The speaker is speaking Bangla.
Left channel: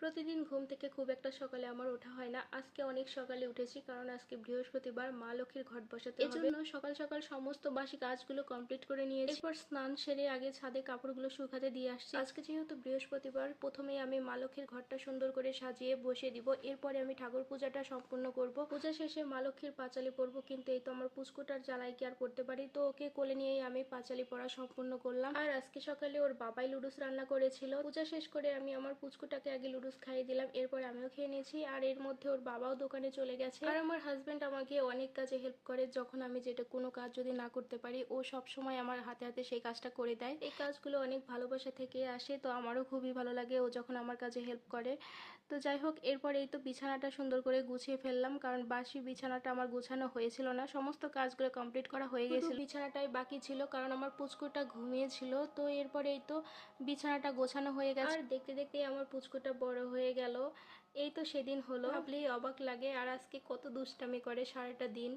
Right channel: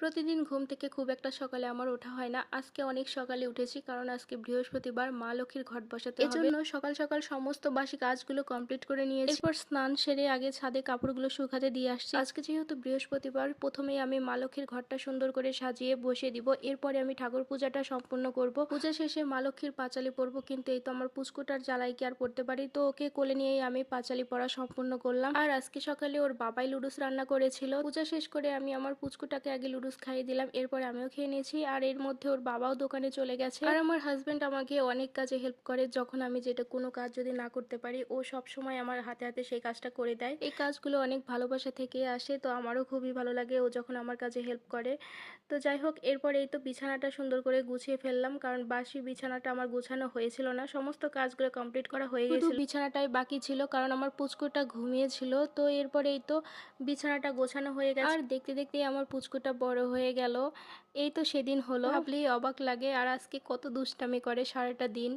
প্রতিদিন ঘুম থেকে খুব একটা সকালে আমার ওঠা হয় না। আজকে অনেক সকালে উঠেছি, কারণ আজকে বৃহস্পতিবার, মা লক্ষ্মীর ঘট বসাতে হবে। এজন্য সকাল সকাল সমস্ত বাসি কাজগুলো কমপ্লিট করে নিয়েছি। এরপর স্নান সেরে আগে ছাদে কাপড়গুলো শুকাতে দিয়ে আসছি। আজকে যেহেতু বৃহস্পতিবার, প্রথমেই আমি মা লক্ষ্মীর ঘরটা সুন্দর করে সাজিয়ে বসিয়ে দিব। এরপরে আমি ঠাকুর পূজাটা সম্পূর্ণ করব। পূজা শেষে মা লক্ষ্মীর পাঁচালি পরব, কিন্তু এই তো আমার পুচকুটার জ্বালাই কি আর পড়তে পারি, তো ওকে কোলে নিয়েই আমি পাঁচালি পড়া সম্পূর্ণ করলাম। আর আজকে সকালে ওর বাবাই লুডুস রান্না করেছিল। পূজা শেষ করে আমি আমার পুচকুটাকে আগে লুডুস খাইয়ে দিলাম, এরপর আমিও খেয়ে নিয়েছি। আর এর মধ্যে ওর বাবাও দোকানে চলে গেছে। আর আমার হাজবেন্ড আমাকে অনেক কাজে হেল্প করে। যখন আমি যেটা কোনো কাজ যদি না করতে পারি, ও সব সময় আমার হাতে হাতে সেই কাজটা করে দেয়। এই কাজগুলো অনেক ভালোবাসা থেকে আসে, তো আমারও খুবই ভালো লাগে ও যখন আমার কাজে হেল্প করে। তো যাই হোক, এরপর এই তো বিছানাটা সুন্দর করে গুছিয়ে ফেললাম, কারণ বাসি বিছানাটা আমার গোছানো হয়েছিল না। সমস্ত কাজগুলো কমপ্লিট করা হয়ে গেছে, শুধু বিছানাটাই বাকি ছিল, কারণ আমার পুচকুটা ঘুমিয়েছিল। তো এরপরে এই তো বিছানাটা গোছানো হয়ে গেছে। আর দেখতে দেখতেই আমার পুচকুটা বড় হয়ে গেল। এই তো সেদিন হলো, ভাবলেই অবাক লাগে। আর আজকে কত দুষ্টামি করে সারাটা দিন।